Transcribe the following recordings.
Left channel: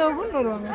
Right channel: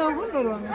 ஷோவும் வருவாங்க.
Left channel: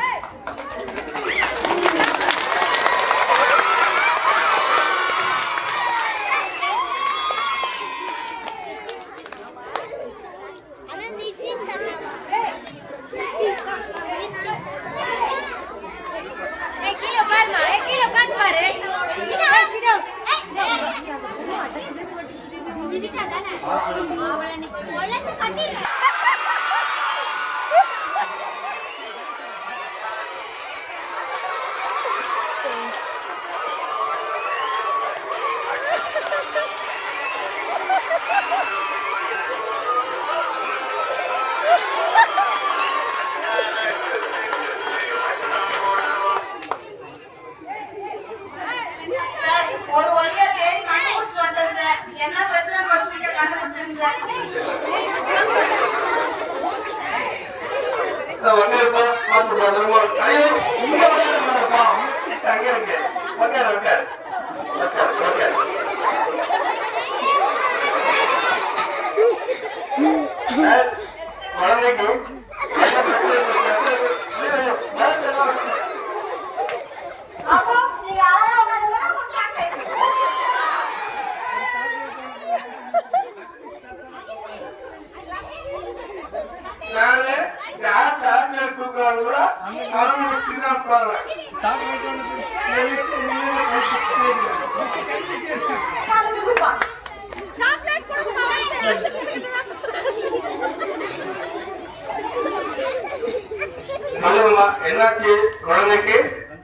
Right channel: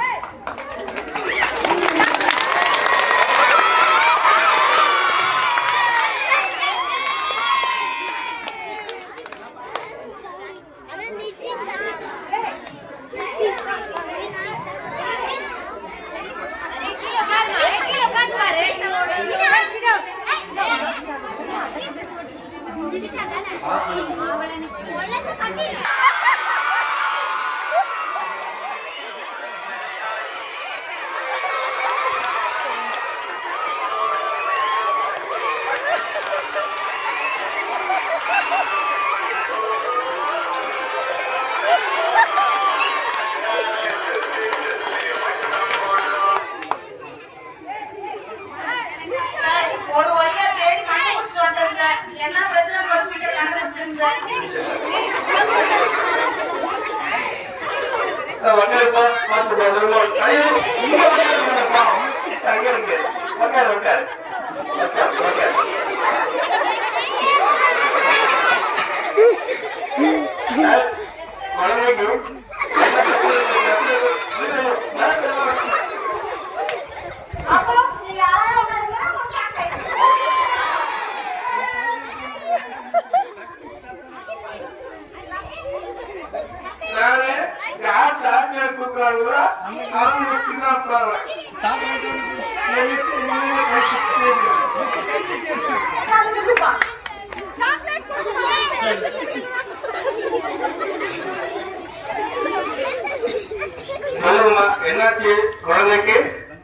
என்னாச்சு குழந்தைக்கு?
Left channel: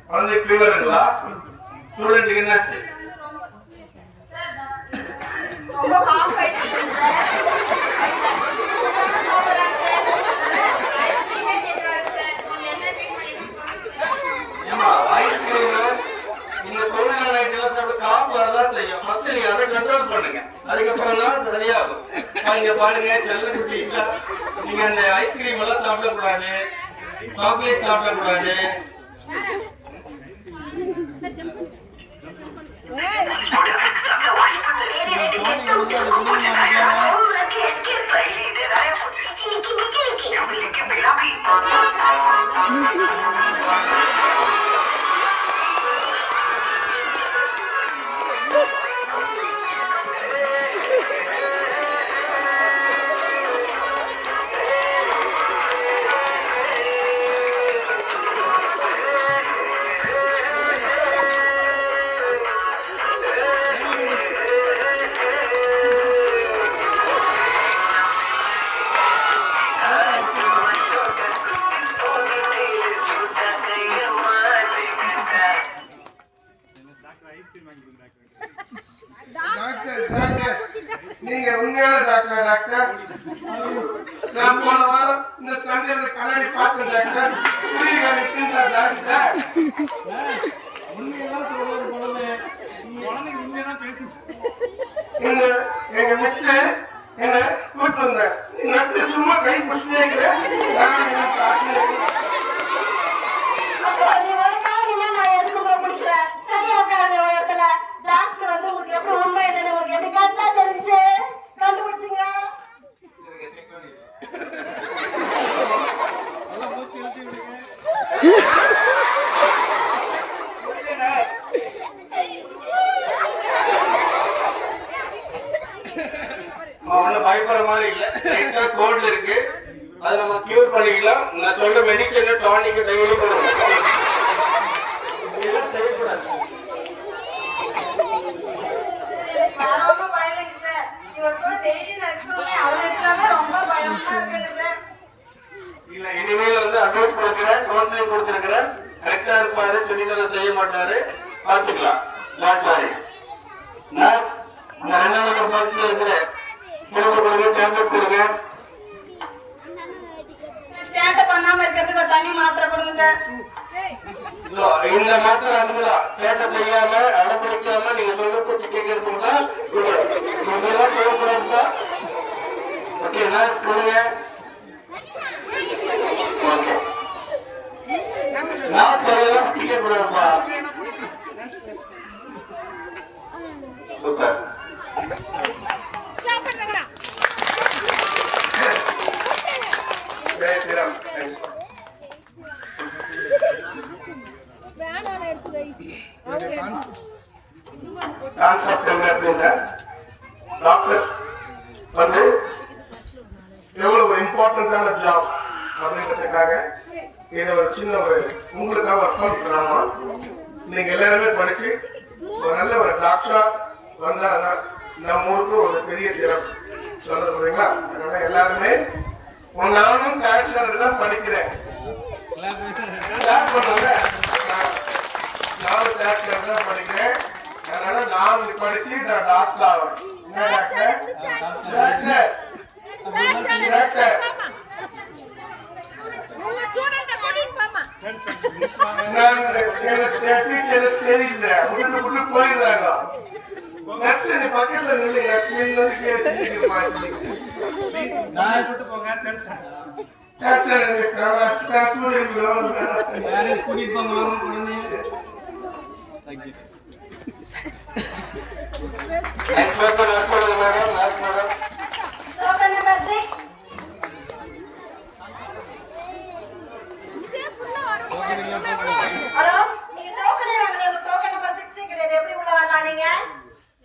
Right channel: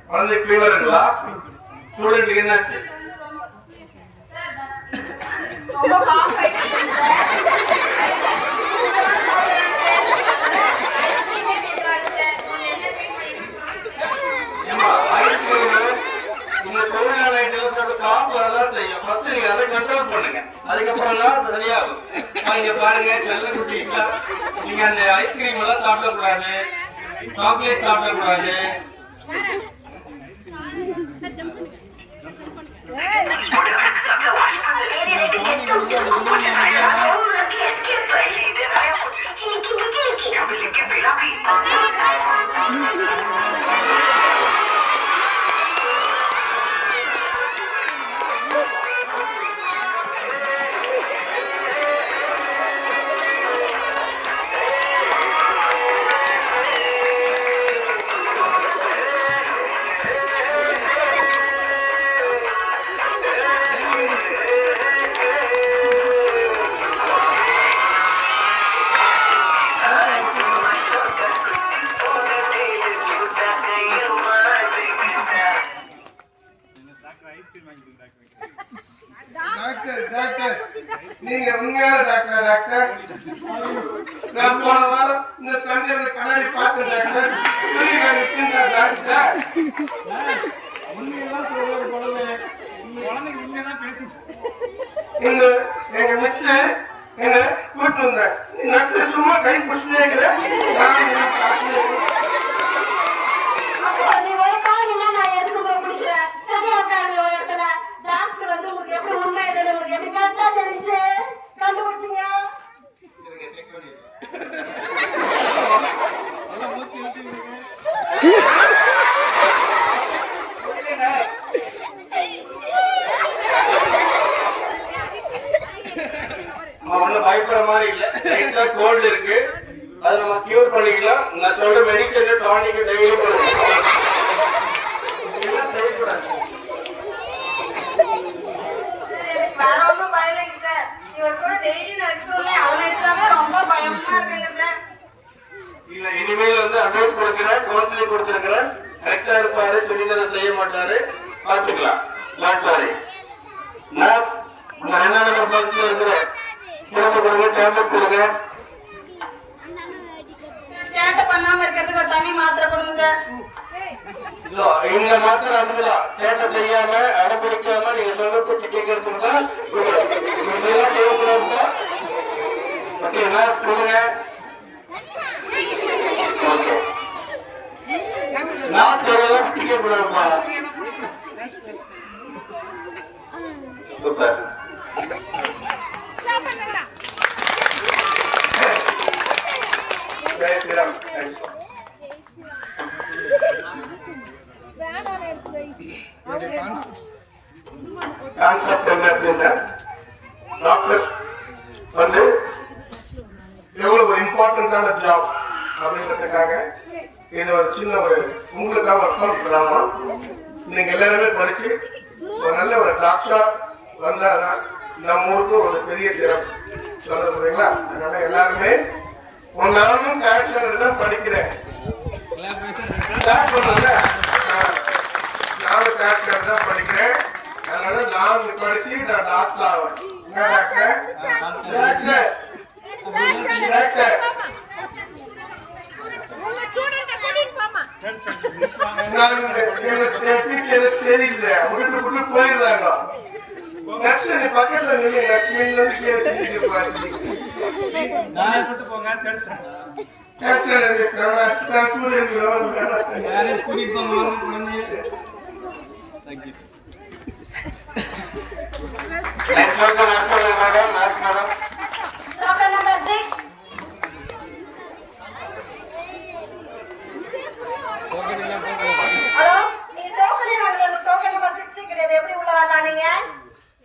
குழந்தை ஃபீவருங்களா? ஸ்டூடெண்ட்டுக்கு என்னாச்சு? நீங்க தொழிலாளர் ஐட்டம் சாப்பிடதான் செய்யும். ஃபர்ஸ்ட் நீங்க அதை கண்ட்ரோல் பண்ணுங்க, அதுக்கப்புறம் தான் சரியாகும். நீங்க பாருங்க செல்லக்குட்டி, நீங்க அந்த ஐஸ்கிரீம் எல்லாம் சாப்பிடக்கூடாது, சாக்லேட் சாப்பிடக்கூடாது. நீங்க உண்மையான டாக்டர்? டாக்டர், நான் போன வாரம் இந்த சண்டே கண்ணாடி பார்த்தேன் டாக்டர். உண்மையெல்லாம் சொல்றது குழந்தை, குழந்தைக்கு உண்மையதான் பேசி எங்க மிஸ் என்ன கூட்டு வந்தேன். நான் சும்மா கை பிடிச்சிட்டே இருக்கிறேன். பயப்படுற மாதிரி இல்ல, கோல்டு இருக்கு, அதை நம்ம கியூர் பண்ணிக்கலாம். நான் சொல்ற மெடிசன் டானிக் டெய்லி இல்ல. இனிமேல் வந்து அட்வைஸ் கொடுக்கிறேன், கவுன்சிலிங் கொடுத்திருக்கிறேன். கரெக்டா இருப்பாரு, துணிதலை செய்ய மாட்டாரு, பார்த்துக்கலாம். நர்ஸ், இந்த 2ஆம் நம்பர் பாக்ஸ்ல இருக்கிற சிறப்பு கொடுங்க, டேப்லெட் கொடுங்க. இந்த மாத்திரை அதுதான் சேட்டை செய்யாம அடம்பிடிக்காம நீங்க சொல்ல பேச்சு கேட்கறதுக்கு தான் தேவைப்படுறா. ஓகே, நர்ஸ் கொடுங்க. ஓகே, நான் சொல்லலாம் கேட்கக்கூடாதுப்பா. சூப்பர். கான்செப்ட் என்ன அப்படின்னா டாக்டர்ஸ் வந்து எவ்வளவு ஒரு இம்பார்ட்டன்டான ஜாப் அப்படின்றதுக்காக இதை ஒரு சின்ன ஒரு உங்களுக்காக ஒர்க் அவுட் பண்ணாமல் நீங்க எல்லாருமே படிச்சு ஒரு நல்ல ஒரு டாக்டரா வந்தாங்கன்னா நம்ம ஊருக்கு ஒரு பெரிய சிறப்பு சொல்றீங்களா? அதனால எல்லாருமே நானும் கேஷ் தான் படிக்கிறேன். நானும் கேஷ் தான் படிக்கிறேன். அதனால நானும் படிச்சு நான் டாக்டர் ஆவேன். போயிடுறாங்க பக்கத்துல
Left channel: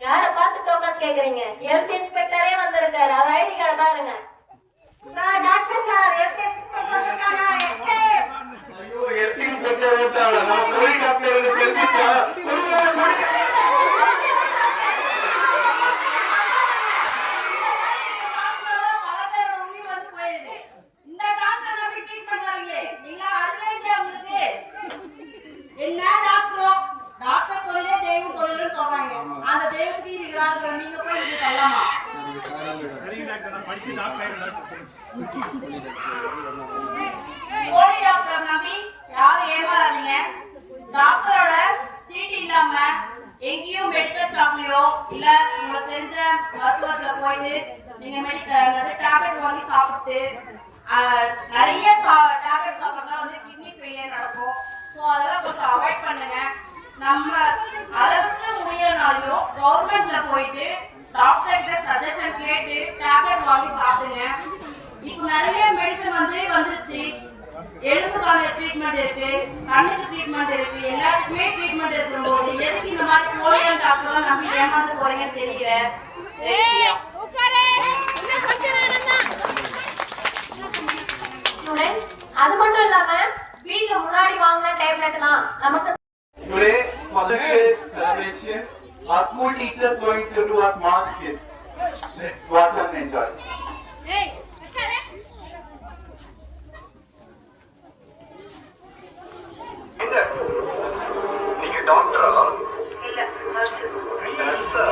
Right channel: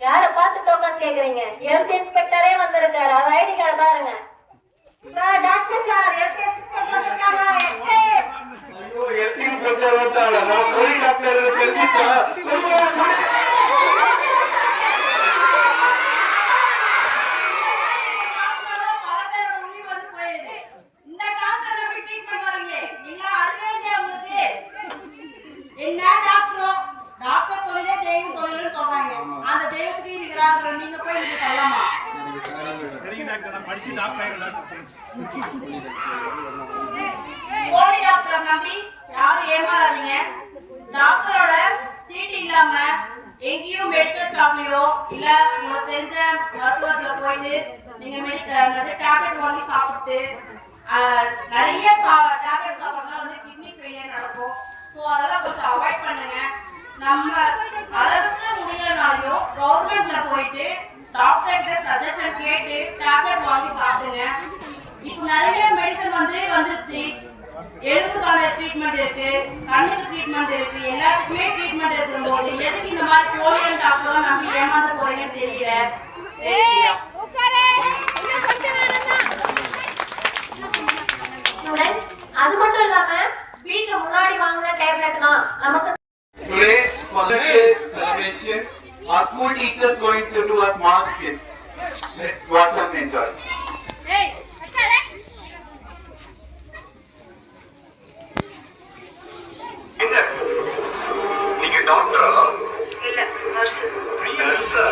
யாரை பார்த்து டோக்கன் கேக்குறீங்க? ஹெல்த் இன்ஸ்பெக்டரே வந்திருக்காரு. அவர் ஐடி கார்டு பாருங்க. டாக்டர் சார் ஹெல்த் இன்ஸ்பெக்டர் வந்திருக்காங்க. ஐயோ ஹெல்த் இன்ஸ்பெக்டர் வந்தாங்க. நான் போய் டாக்டர் தெரிஞ்சுட்டா என்ன டாக்டரோ டாக்டர் தொழிலே தெய்வம் தொழில்னு சொல்றாங்க. அந்த தெய்வத்துக்கு இருக்கிறாங்க. நீங்க போய் இது சொல்லலாமா? போலி டாக்டர் நம்பி யாரும் ஏமாறாதீங்க. டாக்டரோட சீட்டு இல்லாம எங்கேயும் மெடிக்கல் ஷாப்லயோ இல்ல உங்களுக்கு தெரிஞ்ச மருத்துவத்துல போயிட்டு நீங்க மெடிக்கல் டேப்லெட் வாங்கி சாப்பிட்டு நிறைய டேப்லெட் சாப்பிட்றதுனால வந்து கிட்னி ஃபெயிலியர் நடக்கும். ஸோ அதெல்லாம் கொஞ்சம் அவாய்ட் பண்ணுங்க. நம்ம அளவுக்கு முடியலனாலையும் கவர்மெண்ட்ல போயிட்டு டாக்டர் கிட்ட சஜஷன் கேட்டு டேப்லெட் வாங்கி சாப்பிடுங்க. இப்போ நிறைய மெடிசன் வந்துருச்சு. எலும்புக்கான ட்ரீட்மெண்ட் இருக்கு, கண்ணுக்கு ட்ரீட்மெண்ட் இருக்கு, எல்லாத்துக்குமே ட்ரீட்மெண்ட் இருக்கும்போது எதுக்கு இந்த மாதிரி போலியன் டாக்டர்லாம் நம்பி ஏமாந்து போறீங்கன்னு தெரியல. அது மட்டும் இல்லாம வீட்டுல முன்னாடி வாங்கின டேப்லெட்லாம் நமக்கு Today, for the celebration, our school teachers going to do a smart skit. Let's watch and enjoy. Hey, நீங்க டாக்டரா? இல்ல நர்ஸ். நர்ஸா?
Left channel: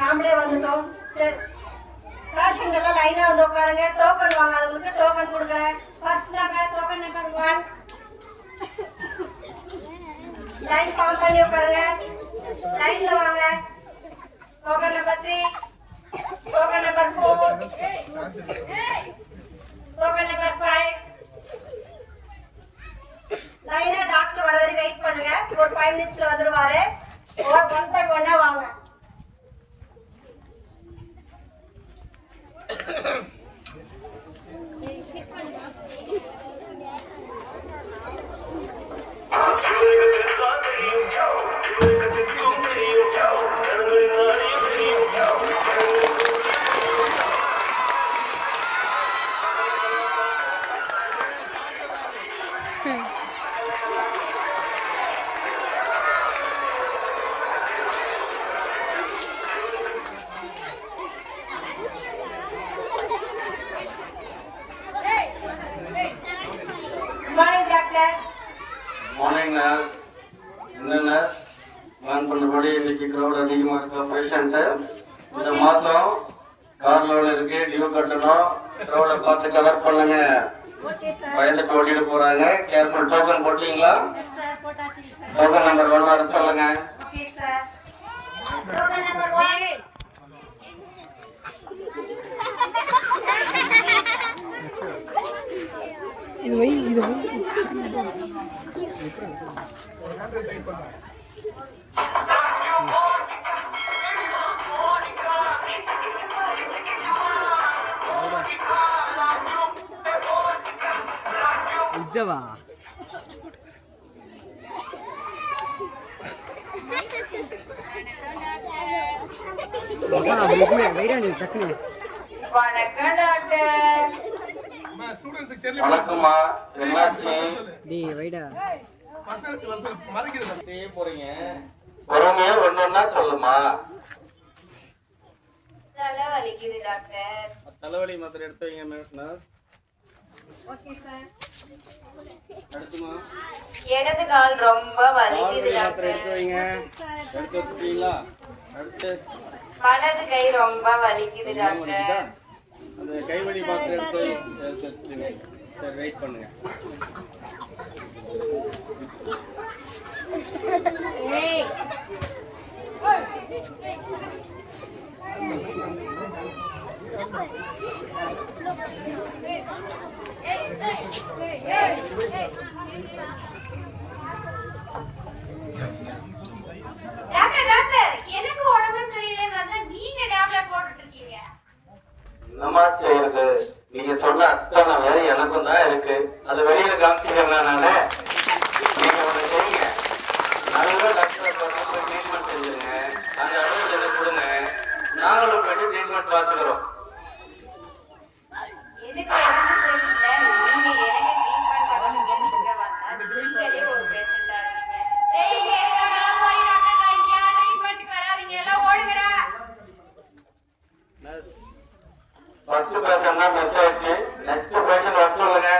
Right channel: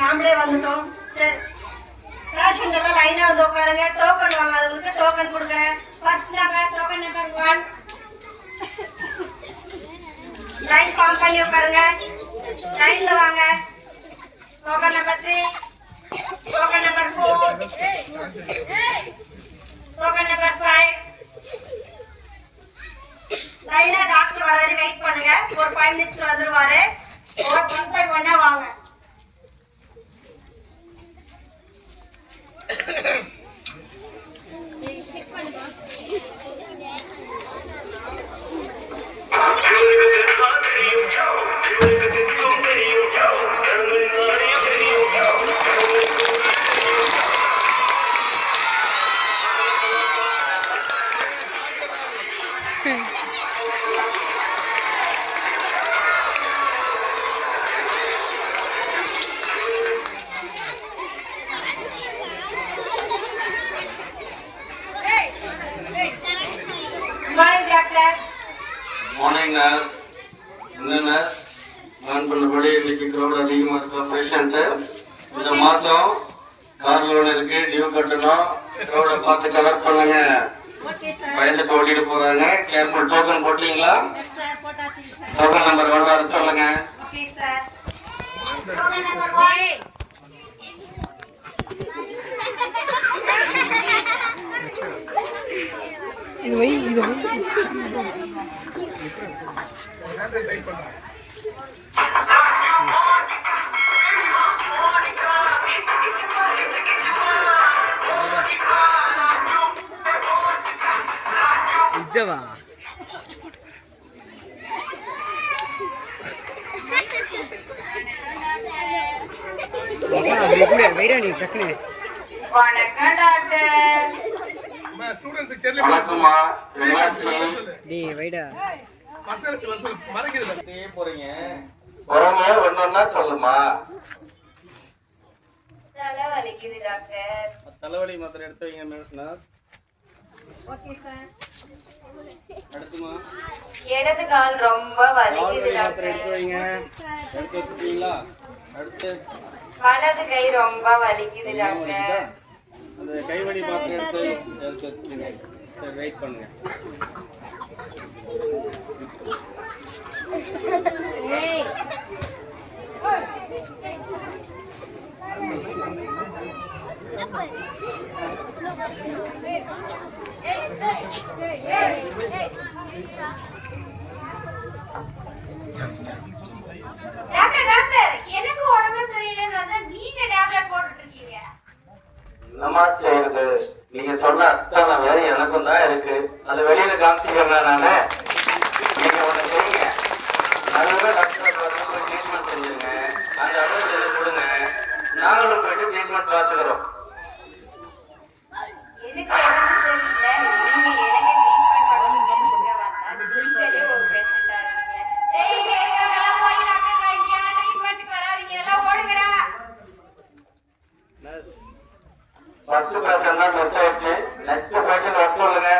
நாமளே வந்துட்டோம். சரி, பேஷண்ட்லாம் லைனா வந்து உட்காருங்க. டோக்கன் வாங்காதவங்களுக்கு டோக்கன் கொடுக்குறேன். First number token number 1 line form பண்ணி உட்காருங்க. லைன்ல வாங்க. Token number 3 token number 4 token number 5 லைனா டாக்டர் வர வரை வெயிட் பண்ணுங்க. ஒரு 5 மினிட்ஸ்ல வந்துருவாரு. ஒரு 1 by 1 வாங்க. மார்னிங்ண்ணா. என்னண்ணா பிளான் பண்ணபடி இன்னைக்கு க்ரௌட் அதிகமாக இருக்க பேஷண்ட்டு இந்த மாதம் கார் லோன் இருக்கு, டியூ கட்டணும். க்ரௌடை பார்த்து கவர் பண்ணுங்க. பயந்துட்டு ஓடிட்டு போறாங்க. கேர்ஃபுல். டோக்கன் போட்டீங்களா? டோக்கன் நம்பர் 1 வர சொல்லுங்க. வணக்கம் டாக்டர். வணக்கம்மா, என்னாச்சு? போறீங்க பொறுமையா ஒன்னொன்னா சொல்லுமா. தலை வலிக்குது டாக்டர். தலைவலி மாத்திரை எடுத்து வைங்க நர்ஸ். Okay sir. அடுத்துமா இடது கால் ரொம்ப வலிக்குது கால்வலி மாத்திரை டாக்டர். எடுத்து வைங்க. எடுத்து வச்சுட்டீங்களா? அடுத்து வலது கை ரொம்ப வலிக்குது டாக்டர். வலிக்குதா? அந்த கைவலி மாத்திரை எடுத்து வச்சுட்டீங்க. சரி வெயிட் பண்ணுங்க. ஏய் டாக்டர் டாக்டர் எனக்கு உடம்பு சரியில்லைன்னு வந்தா நீங்க டேப்லெட் போட்டுட்டு இருக்கீங்க. என்னம்மா செய்யறது? நீங்க சொன்ன அத்தனை வேலை எனக்கும் தான் இருக்கு. அதை வெளியில காமிச்சிக்கிறேன் நானு. நீங்க ஒண்ணு செய்யுங்க, நல்ல டாக்டரை பார்த்து ட்ரீட்மெண்ட் செஞ்சுருங்க. அந்த அளவுக்கு எனக்கு கொடுங்க, நாங்களும் போயிட்டு ட்ரீட்மெண்ட் பார்த்துக்கிறோம். எனக்கு உடம்பு சரியில்லை, நீங்க எனக்கு ட்ரீட்மெண்ட் பண்ணுங்க வந்தா ஒரு பேஷண்டா இருக்கீங்க. ஏய் எல்லாம் போய் டாக்டர் இங்க ட்ரீட்மெண்ட் வராதீங்க, எல்லாம் ஓடுங்கடா. நர்ஸ் ஃபர்ஸ்ட் பேஷண்ட் தான் மிஸ் ஆயிடுச்சு. நெக்ஸ்ட் பேஷண்ட் வர சொல்லுங்க.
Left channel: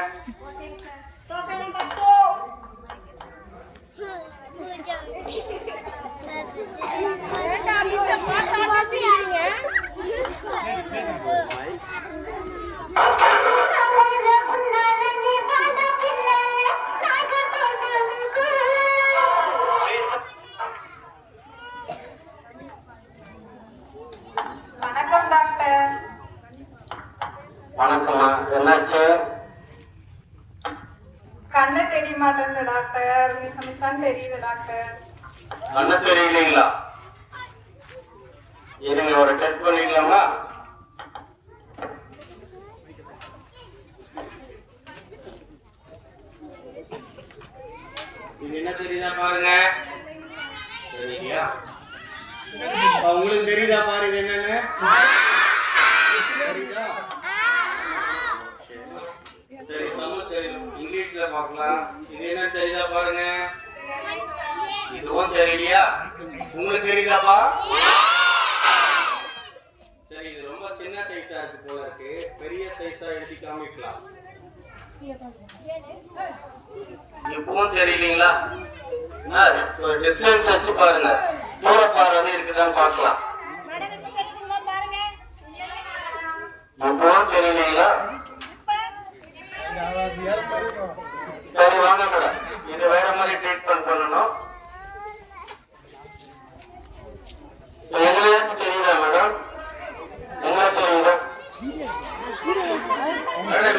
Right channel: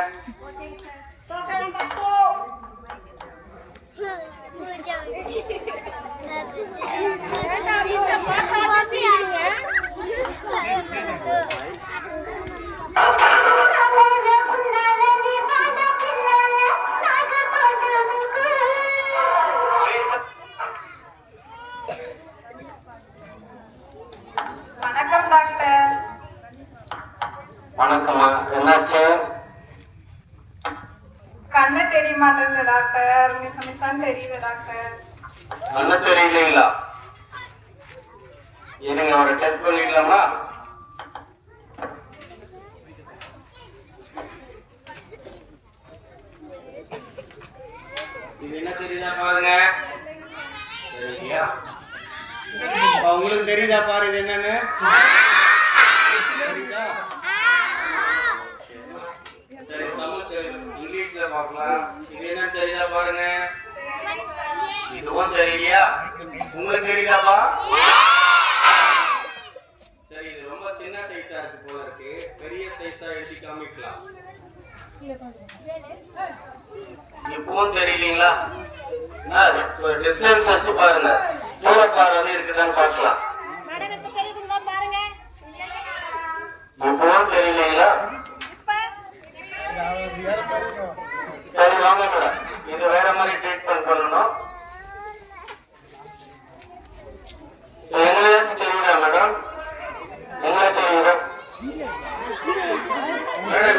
வணக்கம் டாக்டர். வணக்கம்மா, என்னாச்சு? கண்ணு தெரிய மாட்டேங்குது டாக்டர். மிஸ் தெரியுது டாக்டர். கண்ணு தெரியலீங்களா? இருங்க, ஒரு டெஸ்ட் பண்ணிக்கலாமா? இது என்ன தெரியுதா பாருங்க. சரியா? உங்களுக்கு தெரியுதா பாரு இது என்னன்னு? தெரியுதா? சரி, தமிழ் தெரியும், இங்கிலீஷ்ல பார்க்கலாம். இது என்னன்னு தெரியுதா பாருங்க. இதுவும் தெரியலையா? உங்களுக்கு தெரியுதாப்பா? சரி, இது ரொம்ப சின்ன சைஸா இருக்கு போல இருக்கு. பெரிய சைஸா எழுதி காமிக்கலாம். இப்பவும் தெரியலீங்களா? ஒரு டிஸ்டன்ஸ் வச்சு பாருங்க, தூர பார்வை இருக்குதான்னு பார்க்கலாம். இப்பவும் தெரியலீங்களா? சரி வாங்க மேடம், இது வேற மாதிரி ட்ரீட்மெண்ட் பண்ணணும். எங்கேயாச்சும் தெரியுதா மேடம்? என்ன தெரியுதா மேடம்?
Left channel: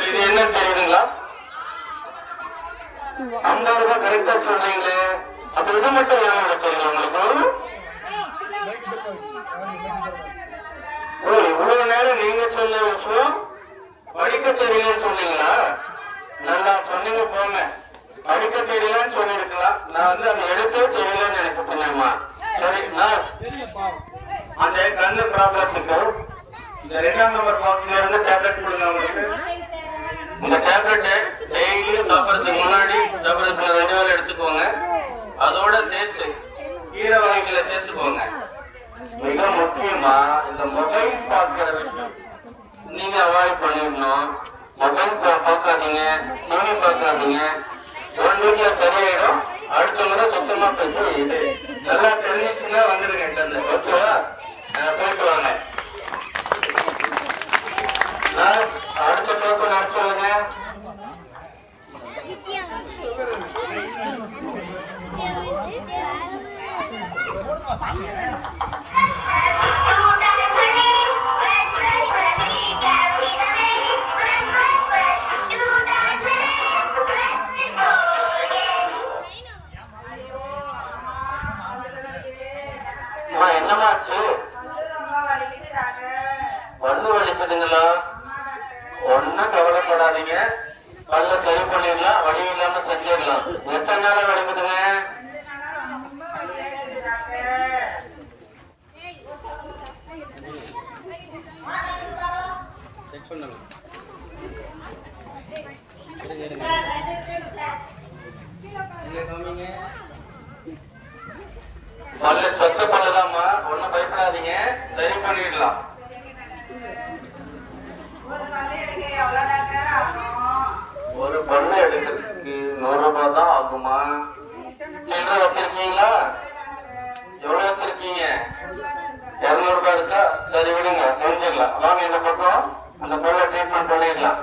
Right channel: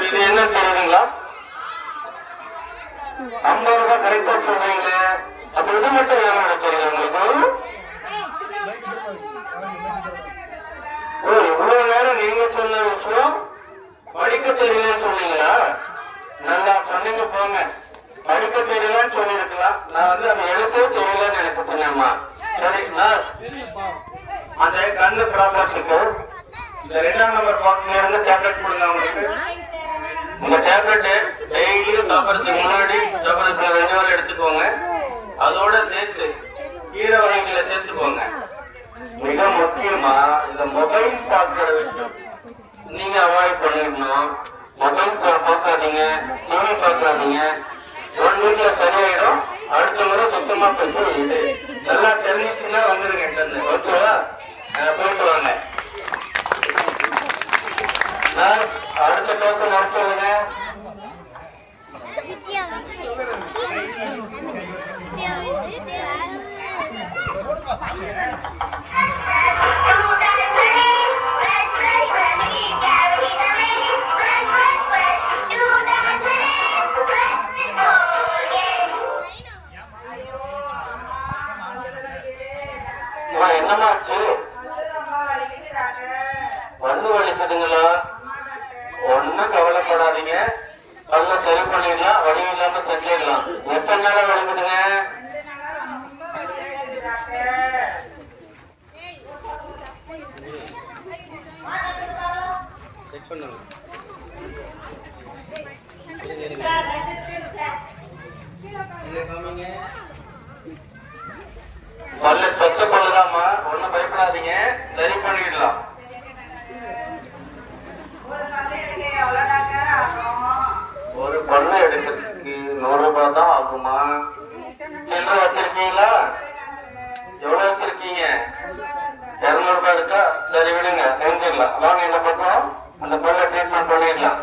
இது என்ன தெரியுதுங்களா? 50 ரூபாய் கரெக்டா சொல்றீங்களே, அப்ப இது மட்டும் என்ன தெரியல உங்களுக்கு? இவ்வளவு நேரம் நீங்க சொன்ன விஷயம் படிக்க தெரியலன்னு சொன்னீங்களா? நல்லா சொன்னீங்க போங்க. படிக்க தெரியலன்னு சொல்லிருக்கலாம், நான் வந்து அந்த எழுத்தே தெரியலன்னு எனக்கு சொன்னேம்மா. சரி நர்ஸ், அந்த கண்ணு ப்ராப்ளத்துக்கு இந்த 2ஆம் நம்பர் பாக்ஸ்ல இருந்து டேப்லெட் கொடுங்க அவங்களுக்கு. இந்த டேப்லெட் டெய்லியும் சாப்பிட்றதுக்கு முன்னாடி சாப்பிட்றதுக்கு 2 வேளை எடுத்துக்கோங்க. அதோட சேர்த்து கீரை வகைகளை சேர்த்துக்கோங்க. மிக முக்கியமா இந்த மொபைல் பார்க்கிற விஷயம் நீங்க அவாய்ட் பண்ணிடணும். மொபைல் பார்க்காதீங்க, டிவி பார்க்காதீங்க. 1 வீக்ல சரியாயிடும். அடுத்த முறை சுத்தமா பேச இது நல்லா தெரிஞ்சுச்சுன்னா வந்துருங்க இங்க. ஓகேவா? போயிட்டு வாங்க. அடுத்த பேச நான் சொல்லுங்க. பண்ணிடலாம், வலி இல்லாம செஞ்சிடலாம். எத்தனை நாளா வலிக்குதுங்க? செக் பண்ணுங்க. காமிங்க. பல்லு சொத்து பல்லுதாம்மா, ஒண்ணும் பயப்படாதீங்க, சரி பண்ணிடலாம். ஒரு பல்லு எடுக்கிறதுக்கு 100 ரூபாய் தான் ஆகுமா? சில்லறை வச்சிருக்கீங்களா? எவ்வளவு வச்சிருக்கீங்க? 200 ரூபாய் இருக்கா? சரி விடுங்க, செஞ்சிடலாம். வாங்க இந்த பக்கம், அந்த பல்ல ட்ரீட்மெண்ட் பண்ணிடலாம்.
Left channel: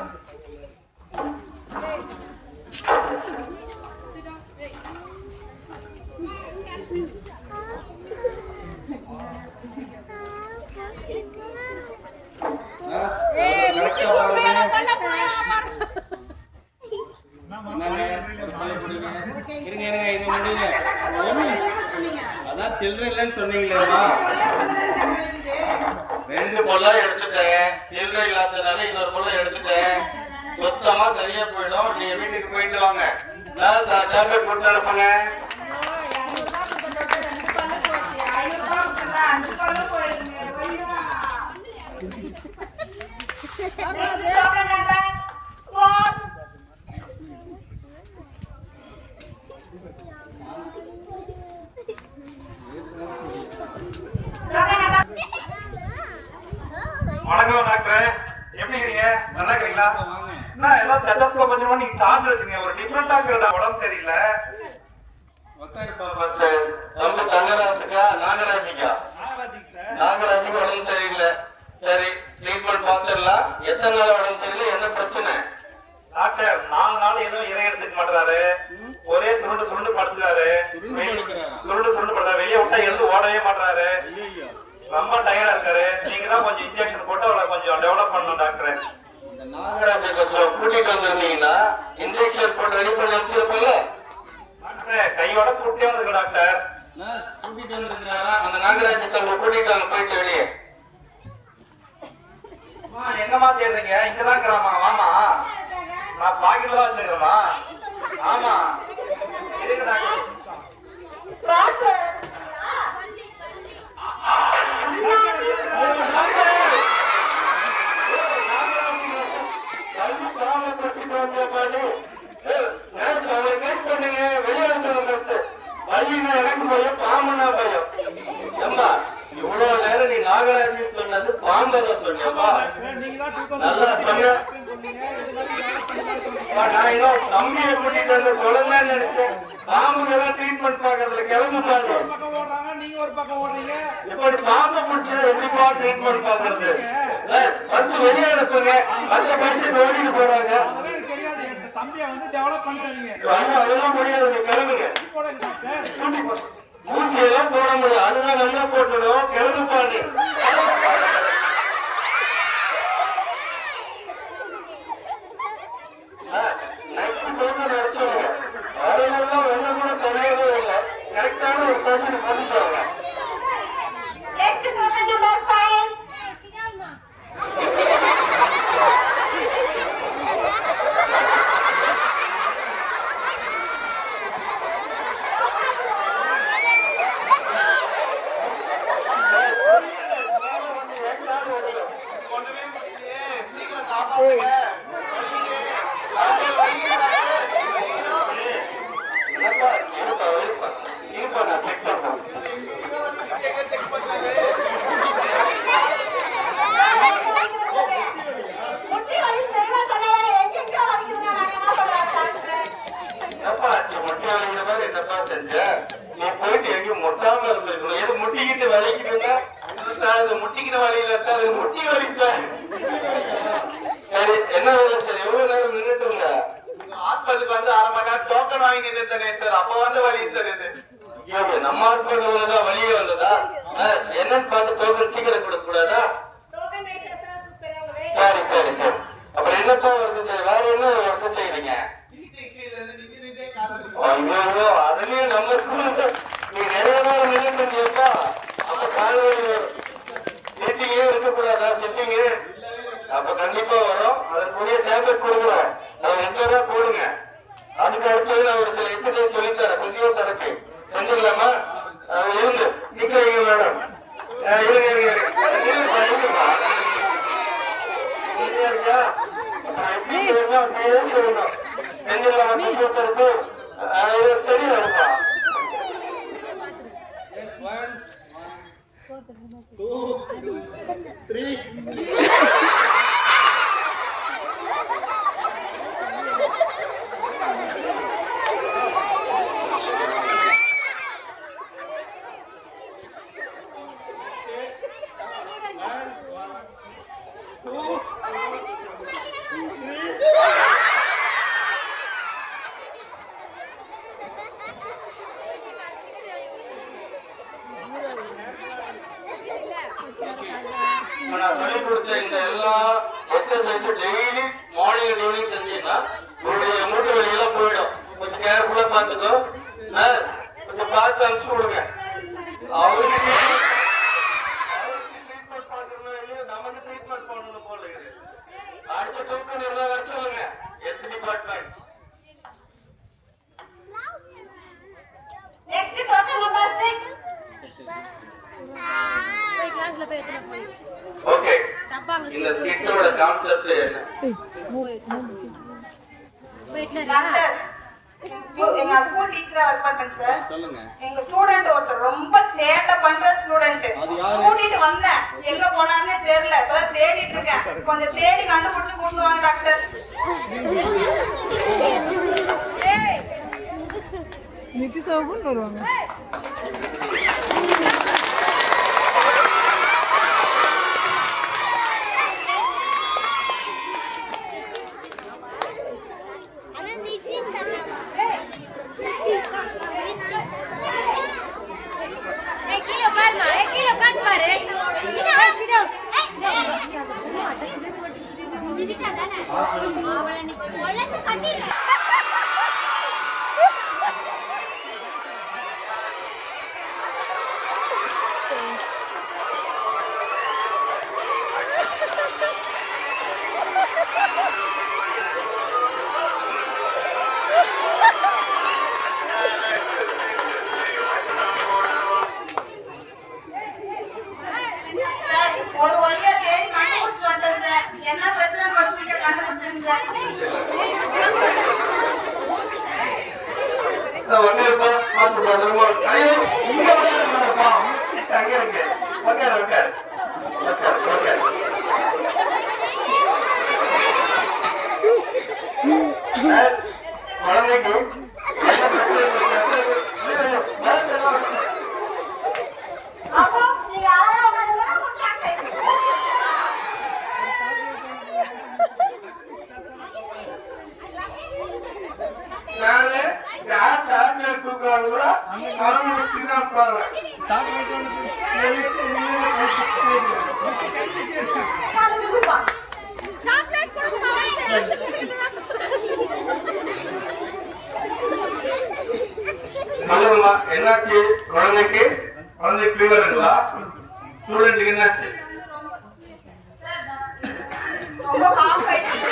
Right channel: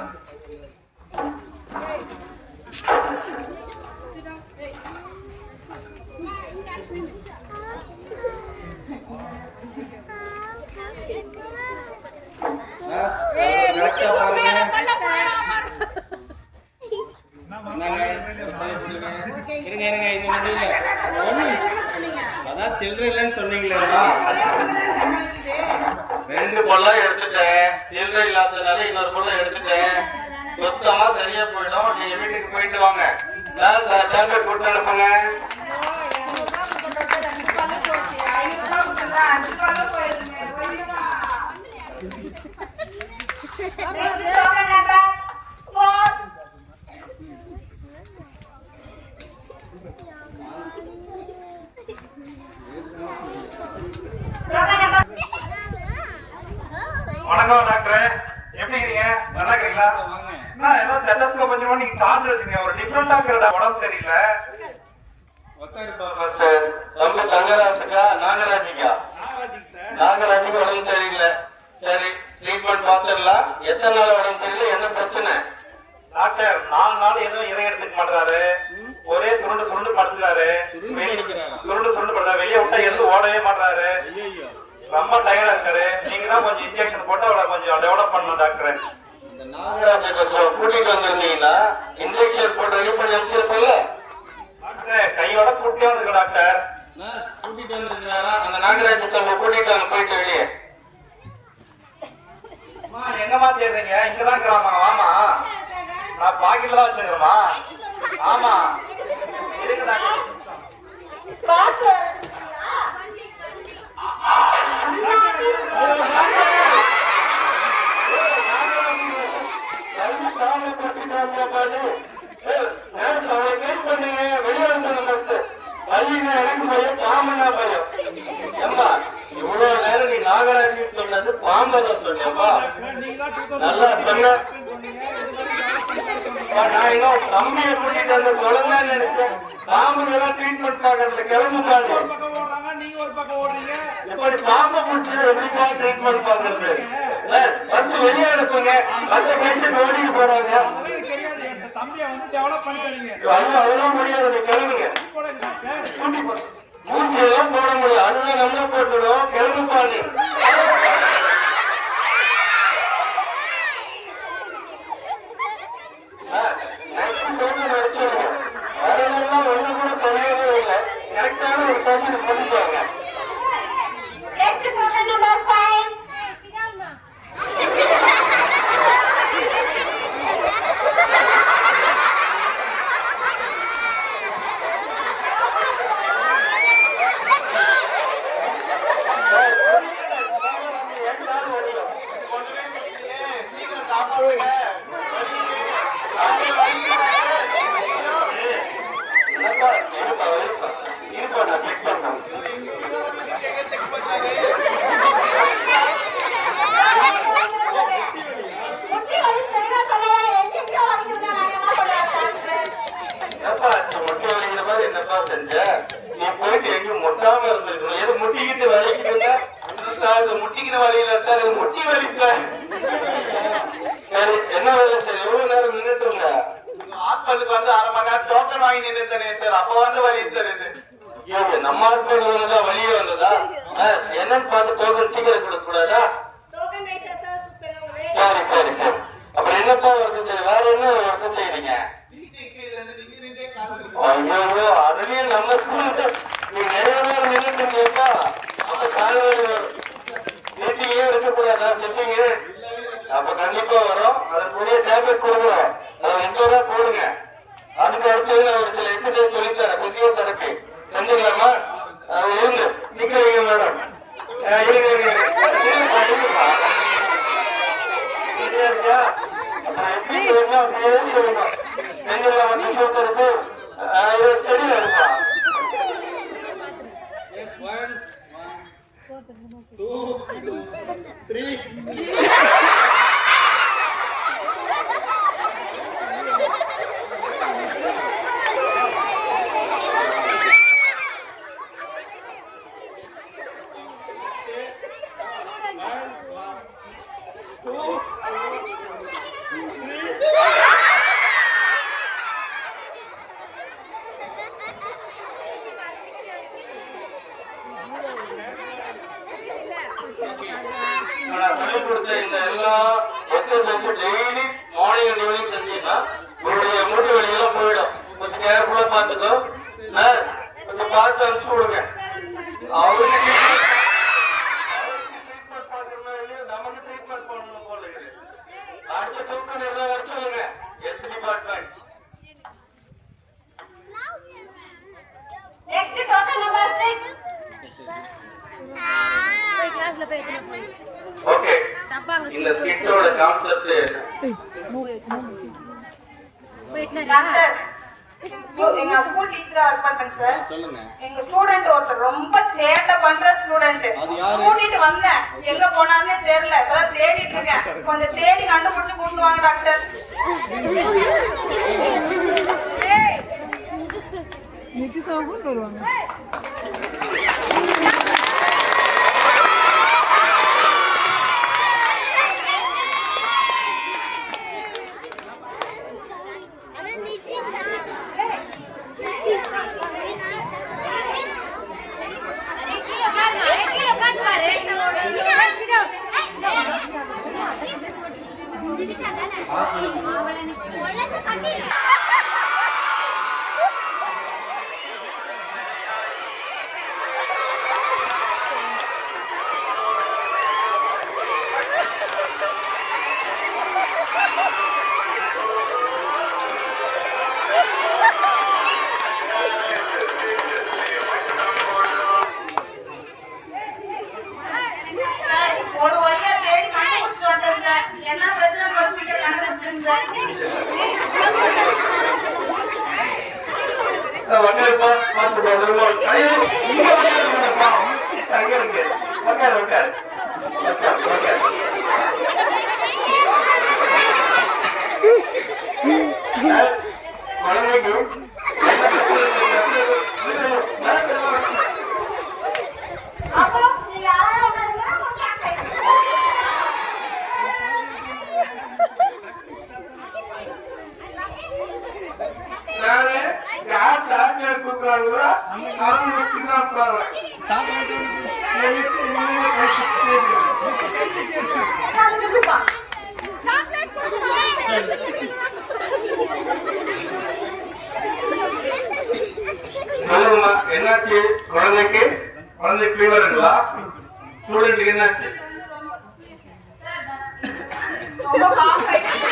கரெக்டா பாருங்க. இருங்க இருங்க, இது முடியல. அதான் சில்லறை இல்லைன்னு சொன்னீங்களேம்மா. 2 பல்ல எடுத்துட்டேன், சில்லறை இல்லாததுனால இன்னொரு பல்ல எடுத்துட்டேன். சுத்தமா சரியா போயிடும். நீங்க வீட்டுக்கு போயிட்டு வாங்க. டேப்லெட் கொடுத்து அனுப்புங்க. வணக்கம் டாக்டர், எப்படி இருக்கீங்க? நல்லா இருக்கீங்களா? வாங்க. எல்லாம் ஸ்டெத்தஸ்கோப் வச்சுக்கோ, நீங்க சார்ஜ் வச்சுங்க. ஒரு டிஃபரெண்டா இருக்கிறதா, உடம்பு சரியில்லை. உட்காருப்பா. தம்பி தங்கராஜுக்கா நாகராஜிக்கா? நாகராஜுக்கு உடம்பு சரியில்லை. சரி, ட்ரீட்மெண்ட் பார்த்துடலாம். எத்தனை நாள் உடம்பு சரியில்லை, என்ன பிரச்சனை? டாக்டர் 4 நாள் ஏதோ இறை எடுத்துக்க மாட்டாரு, ஒரே சுருண்டு சுருண்டு படுத்துறாரு. சுருண்டு சுருண்டு படுறாரு, வெளியே விட்டா எதுவும் ஓடவே மாட்டாரு. ரொம்ப டயர்டா இருக்காரு. நீங்க தான் கொஞ்சம் இன்ஜெக்ஷன் போட்டு அவரை கொஞ்சம் டெவலப் பண்ணணும் டாக்டர். நாகராஜை கொஞ்சம் கூட்டிட்டு வந்திருந்தீங்கன்னா இன்ஜெக்ஷன் போட்டு ரெடி பண்ணி வச்சிருப்பீங்க. டாக்டர் கையோட கூட்டியே வந்துருக்க டாக்டர். கூட்டிட்டு வந்திருக்கிறாரா? அந்த நாகராஜை கூட்டிட்டு வாங்க, போயிட்டு வெளியே. என்னமா தேடுறீங்க? இங்கதான் இருக்கிறாமா? ஆமா, நான் பாக்கெட்ல தான் வச்சிருக்கேமா. ஆமா இருக்கு டாக்டர். இவ்வளவு நேரம் நீ நாகராஜி சொன்னது பாம்பதை சொன்னப்பா. நல்லா சொன்ன. நான் இன்னும் தம்பியை கூட்டிட்டு வந்து குழந்தை நினைச்சேன். பாம்புலாம் ட்ரீட்மெண்ட் பாக்கிறதுல கிளம்புறாங்க. ஒரு பக்கம் ஓடுறாங்க, நீங்க ஒரு பக்கம் ஓடுறீங்க. இப்படி பாம்பை பிடிச்சா எப்படிப்பா ட்ரீட்மெண்ட் பாக்குறது? ஃபர்ஸ்ட் வெளியே அனுப்புங்க. மற்ற பேஷண்ட் ஓடிட்டு போறாங்க. அதெல்லாம் எனக்கு தெரியாது. என் தம்பியை வந்து டெவலப் பண்ணிட்டீங்க. அதெல்லாம் முடியாது, கிளம்புங்க. போடுங்க டாக்டர். ஊசியெல்லாம் போட முடியும், அதுதான் நல்லா போட்டுடும். கிளம்பு பாருங்க. அதெல்லாம் ஒண்ணு கூட சொல்லவே இல்லை. கரெக்டான ஒரு பர்சன் பண்ணிட்டாங்க. என்னப்பா செஞ்ச? நீ போயிட்டு எங்கேயும் முட்டாம இருந்திருக்கணும். எது முட்டிக்கிட்டு வலிக்கிட்டு முட்டிக்கிட்டு வலியில சார், முட்டி வலி சார். சரி, என்ன வேலை சார்? எவ்வளவு நேரம் நின்றுட்டு இருந்த? ஹாஸ்பிட்டலுக்கு வந்து 1/2 மணி நேரம் டோக்கன் வாங்கி நின்றுட்டேனே சார். அப்ப வந்து வலி சார் இது. நம்ம ஹாஸ்பிட்டல் வந்ததா வலியே வந்ததா? என்னன்னு பார்த்து டோக்கன் சீக்கிரம் கொடுக்க கூடாதா? சரி சரி சரி. அப்புறம் என்னப்பா ஒர்க்கு செய்ய? வேற என்ன ஒர்க்கு செய்றீங்க? ஐயோ, அதுலயும் நம்ம ஸ்கூலுக்கு நீ நிறைய நேரம் நின்றுட்டு இருந்தியப்பா. அப்ப காலையில மீட்டிங்கே இருக்கக்கூடாதா? செட்டிங்கு அப்ப கண்டிப்பா வரும். அதுக்குரிய டேப்லெட் கொடுக்குறோம், அதை ரெகுலரா போடுங்க. அதுக்கு அடுத்தது நான் ஒரு சில எக்ஸசைஸ் சொல்லித்தரேன். பிசியோதெரபி செஞ்சிடலாமா? இருங்க நிக்கிறீங்க மேடம். இருங்க செஞ்சிடலாமா பிசியோதெரபி? சரி வருமா? 1 2 3 சொல்லி கொடுத்த இந்த எல்லா எக்ஸசைஸும் டெய்லி மார்னிங் அண்ட் ஈவினிங் செஞ்சீங்கன்னா உங்களுடைய மூட்டு வலியெல்லாம் போயிடும். கொஞ்சம் கேர்ஃபுல்லா பார்த்துக்கோ. கொஞ்சம் பார்த்து அனுப்பிச்சு விடுங்க. அவருக்கு ட்ரீட்மெண்ட் பார்க்கணும், நமக்கு ட்ரீட்மெண்ட் பண்ணணும் போல இருக்கு. அடுத்த டோக்கன் எல்லாம் வர சொல்லுங்க. Health department. Next token number 6. போய் கிளாஸ்ல போய் எத்தனை போய் ஓகே, தப்பாங்க இந்த ஸ்கிட்டோட கான்செப்ட் டாக்டர், எங்க ஸ்கூல் டீச்சரா ஒர்க் பண்றேன் சார். சொல்லுங்க. எங்க ஸ்டூடெண்ட் ஒருத்தர் ரொம்ப சேட்டை பண்ற ஸ்டூடெண்ட். அது யாரு? கூட்டிட்டு வந்தேன், எங்க போனானே தெரியல. அதான் தேடிட்டு இருக்கேன். கொஞ்சம் தேடி கண்டுபிடிச்சு கூட்டு வாங்க டாக்டர். நிதிஷாவும் வருவாங்க. ஒரு வழியா தேடி கண்டுபிடிச்சு வந்தேன் சார். என்ன பிரச்சனை ஹாஸ்பிட்டல் கண்டுபிடிச்சேன் சார். அப்புறம் நீங்க யாராவது சொல்லுங்கம்மா, என்னாச்சு? குழந்தைக்கு ஃபீவர் இருக்குங்களா? ஸ்டூடெண்ட்டுக்கு என்னாச்சு? ரொம்ப காஃப் ஆயிடுச்சு.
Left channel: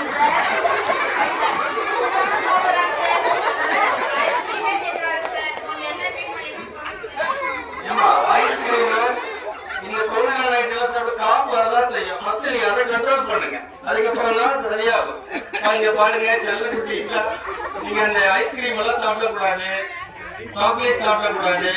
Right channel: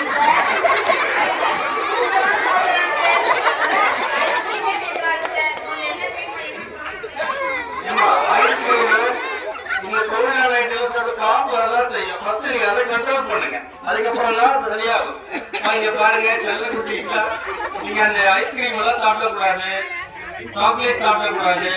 இந்த கொரோனா நைட்ல சொல்லிட்டு காப்பு வரதான் செய்யும். ஃபர்ஸ்ட் நீங்க அதை கண்ட்ரோல் பண்ணுங்க, அதுக்கப்புறம் தான் சரியாகும். நீங்க பாருங்க, செல்ல குட்டிங்களா, நீங்க அந்த ஐஸ்கிரீம் எல்லாம் சாப்பிடக்கூடாது, சாக்லேட் சாப்பிடக்கூடாது.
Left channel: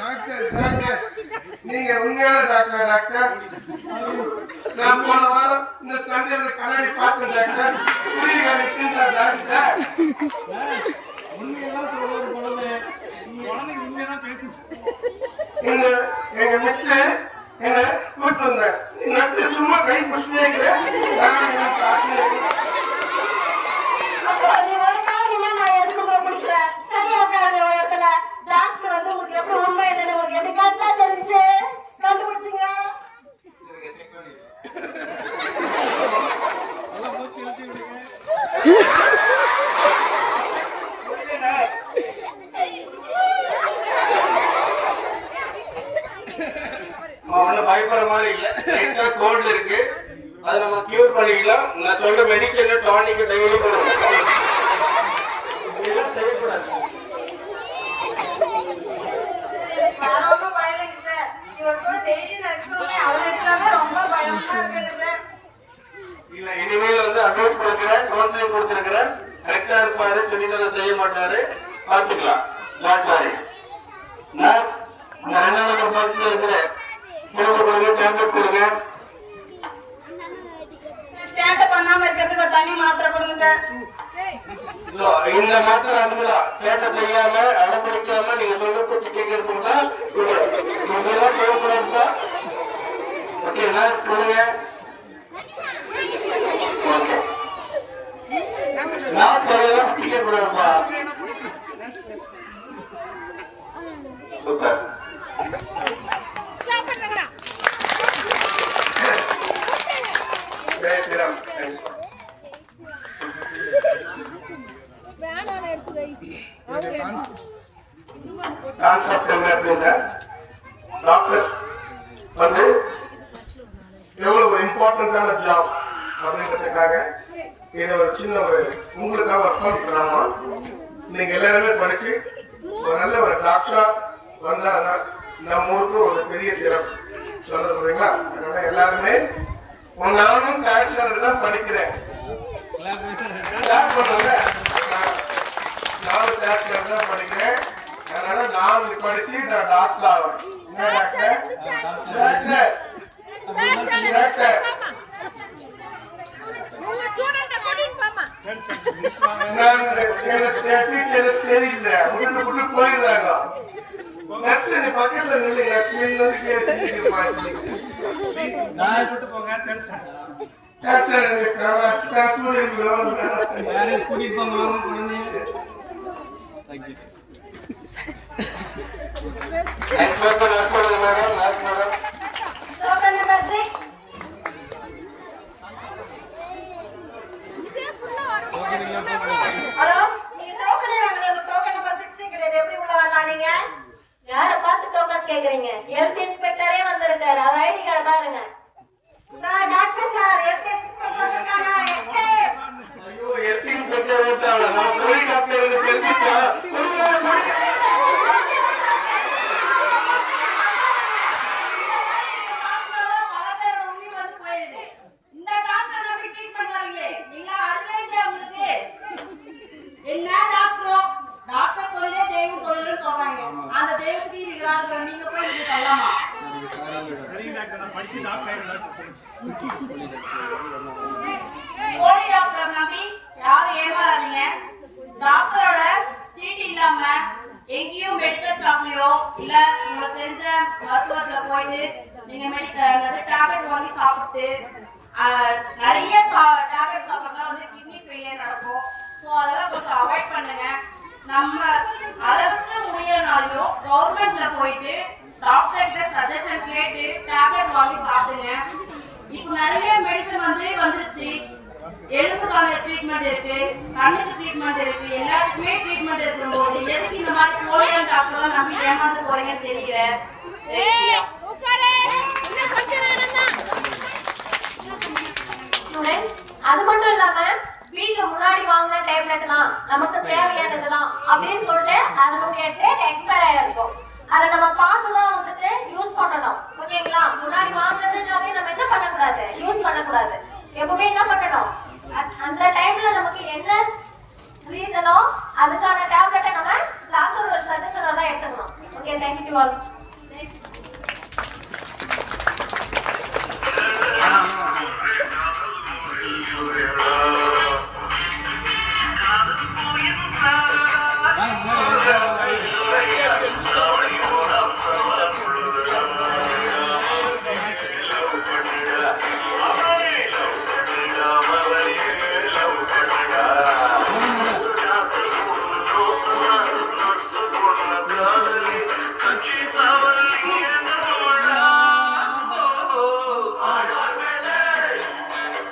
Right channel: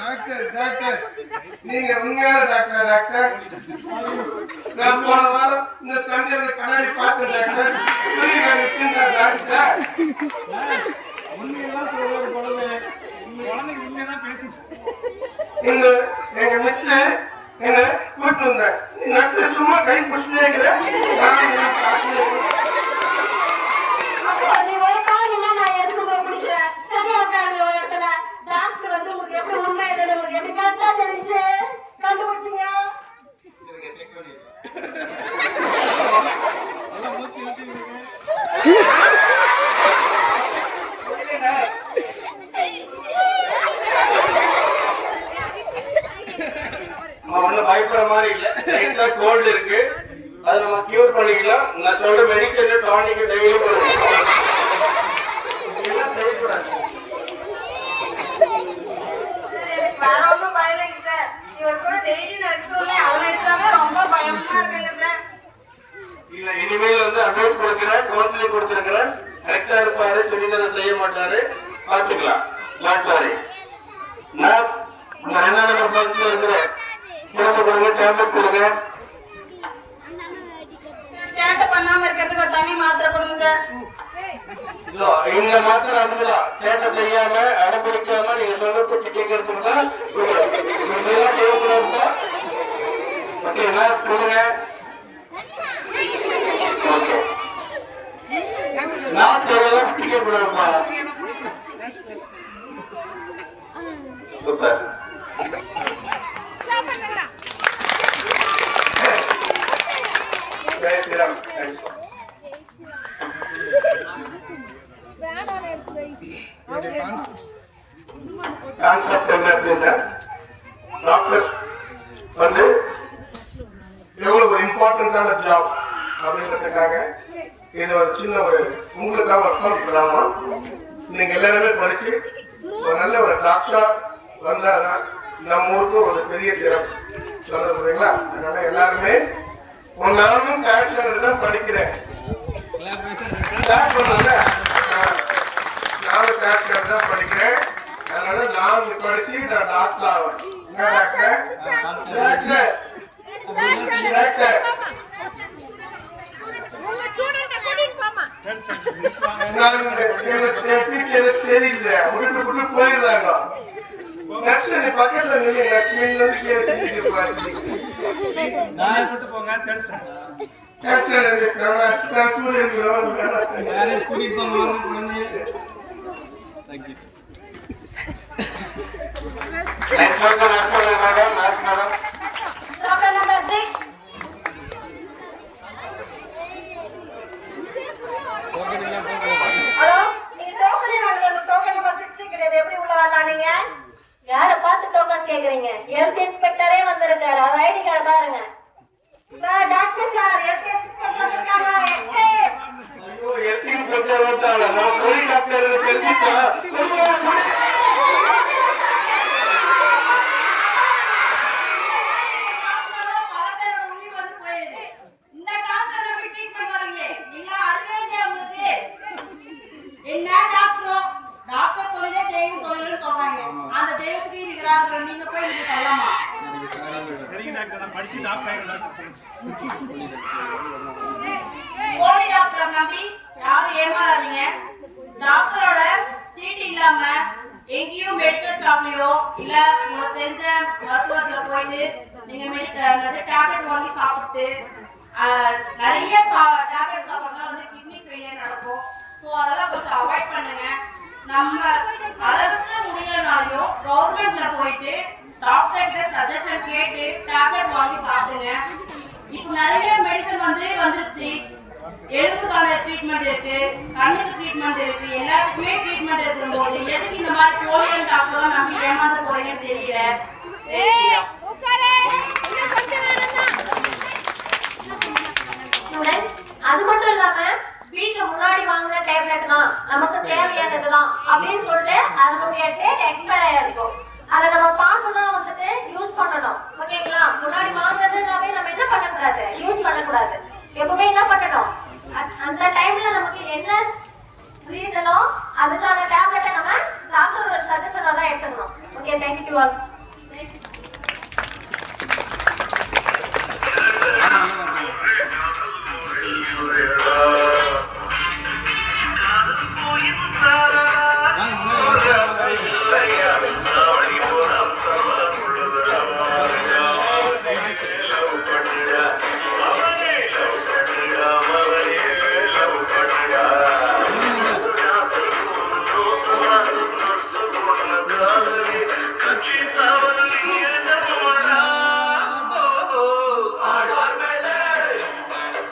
டாக்டர் நீங்க உண்மையான டாக்டர்? நான் போன வாரம் இந்த சண்டே கண்ணாடி பார்த்தேன் டாக்டர். டாக்டர் உண்மையெல்லாம் சொல்றது குழந்தை குழந்தைங்க உண்மையதான் பேசி எங்க மிஸ் என்ன கூட்டு வந்தேன். நர்ஸ் சும்மா கை பிடிச்சிட்டே இருக்கிறேன். அப்போ நீ ஒரு நாள் என்ன நான் எடுத்து போய் குடிக்கிறேன். சரியா உட்கார்ந்து ஒரு இடத்துல டாக்டர் வந்து உங்களுக்கு எப்படி உண்மை என்னன்னு உங்களுக்கு எப்படி கரெக்டா தெரிஞ்சு கண்டுபிடிச்சிங்க. நல்லா மூச்சு இழுத்து விடுங்க. அவனை பயப்படுற மாதிரி இல்ல. கோல்டு இருக்கு, அதை நம்ம கியூர் பண்ணிக்கலாம். நான் சொல்ற மெடிசன் டானிக் டெய்லி இனிமேல் வந்து அட்வைஸ் கொடுக்கிறேன், கவுன்சிலிங் கொடுத்திருக்கிறேன். கரெக்டா இருப்பாரு, துணிதலை செய்ய மாட்டாரு, பார்த்துக்கலாம். டாக்டர் நர்ஸ் இந்த 2 நம்பர் பாலிசியில் இருக்கிற சிறப்பு கொடுங்க, டேப்லெட் கொடுங்க. சேட்டை பண்ணாம இருக்கிறதுக்கு ஒரு தனி மாத்திரை கொடுங்க. இந்த மாத்திரை அதுதான் சேட்டை செய்யாம அடைப்பிடிக்காம நீங்க சொல்ல பேச்சு கேட்கறதுக்கு தான் தேவைப்படுறா. ஓகே நர்ஸ் கொடுங்க. ஓகே நான் சொல்லலாம் பிடிக்கக்கூடாதுப்பா. சூப்பர். கான்செப்ட் என்ன அப்படின்னா டாக்டர்ஸ் வந்து எவ்வளவு ஒரு இம்பார்ட்டன்டான ஜாப் அப்படின்றதுக்காக இது ஒரு சின்ன ஒரு உங்களுக்காக ஒரு ஃபண்ட் பண்ணாம நீங்க எல்லாருமே படிச்சு ஒரு நல்ல ஒரு டாக்டரா வந்தாங்கன்னா நம்ம ஊருக்கு ஒரு பெரிய சிறப்பு சொல்றீங்களா. அதனால எல்லாருமே நானும் காஷ்மீர் தான் படிக்கிறேன். நானும் காஷ்மீர் தான் படிக்கிறேன். அதனால நானும் படிச்சு நான் டாக்டர் ஆவேன். போயிடுறாங்க. பக்கத்துல கூட்டு போங்க. Token number 6. ஹலோ, நீங்க டோக்கன் வாங்குறது டோக்கன் நம்பர் 6 கிடையாது. எப்படி உள்ள வரலாம் நீங்க? யாரை பார்த்து டோக்கன் கேக்குறீங்க? ஹெல்த் இன்ஸ்பெக்டரே வந்திருக்காரு. அவர் ஐடி கார்டு பாருங்க. Sir doctor sir health inspector வந்திருக்காங்க. டாக்டர் தொழிலே தெய்வ தொழில்னு சொல்றாங்க. அந்த தெய்வத்துக்கு இருக்கிறாங்க. நீங்க போய் இது சொல்லலாமா? படிச்சு டாக்டர் போலி டாக்டர் நம்பி யாரும் ஏமாறாதீங்க. டாக்டரோட சீட்டு இல்லாம எங்கேயும் மெடிக்கல் ஷாப்லயோ இல்ல உங்களுக்கு தெரிஞ்ச மருத்துவத்துல போயிட்டு நீங்க மெடிக்கல் டேப்லெட் வாங்கி சாப்பிட்டு நிறைய டேப்லெட் சாப்பிட்றதுனால வந்து கிட்னி ஃபெயிலியர் நடக்கும். ஸோ அதெல்லாம் கொஞ்சம் அவாய்ட் பண்ணுங்க. நம்ம அளவுக்கு முடியலனாலையும் கவர்மெண்ட்ல போயிட்டு டாக்டர் கிட்ட சஜஷன் கேட்டு டேப்லெட் வாங்கி சாப்பிடுங்க. இப்போ நிறைய மெடிசன் வந்துருச்சு. எலும்புக்கான ட்ரீட்மெண்ட் இருக்கு, கண்ணுக்கு ட்ரீட்மெண்ட் இருக்கு, எல்லாத்துக்குமே ட்ரீட்மெண்ட் இருக்கும்போது எதுக்கு இந்த மாதிரி போலியான டாக்டர் நம்பி ஏமாந்து போறீங்கன்னு தெரியல. அது மட்டும் இல்லாம வீட்டுக்கு முன்னாடி வாங்கின டேப்லெட் தான் நமக்கு தேவையானதுதான் அப்படின்னு சொல்லிட்டு அதனுடைய டேட் எக்ஸ்பயர் ஆயிருக்கும். அதை நம்ம பார்த்துதான் வந்துட்டு யூஸ் பண்ணணும். ஓகேங்களா? முன்னாடி வாங்குறதுனாவே நம்ம என்ன பண்ணக்கூடாது, யூஸ் பண்ணக்கூடாது. எப்பவுமே என்ன பண்ணணும், அந்த டைம்ல நமக்கு என்ன ரீசனோ அதுக்கான டேப்லெட்டை நம்ம டாக்டரோட சஜஷன் தான் எடுத்துக்கணும். Okay, thank you all.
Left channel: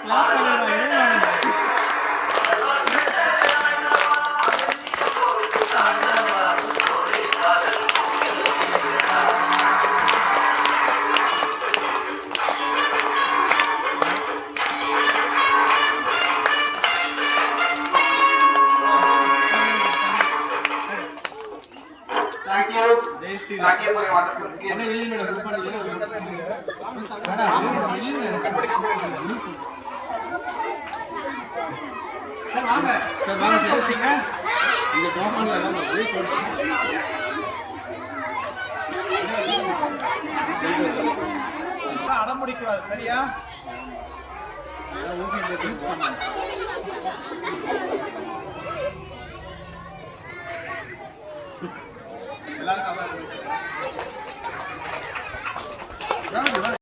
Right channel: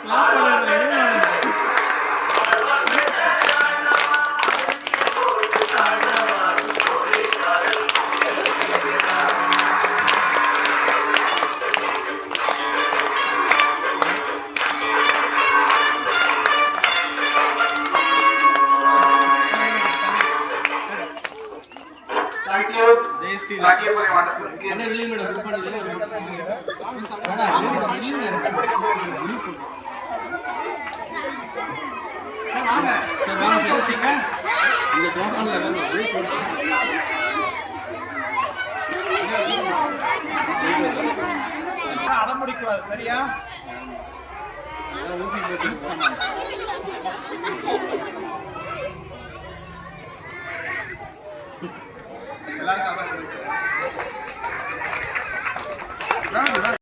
லாக் பண்ணிடுவாங்க. Thank you. Thank you for your wonderful skill. அண்ணா இல்லைங்க மேடம் குரூப் பண்ணல. சார் வாங்க. சார் வாங்க சொல்றீங்க. இந்த ஜோன்ல எல்லாம் போய் சார் அடம்பிடிக்க கூடாது சரியா? ஊசி போட்டு யூஸ் பண்ணாங்க.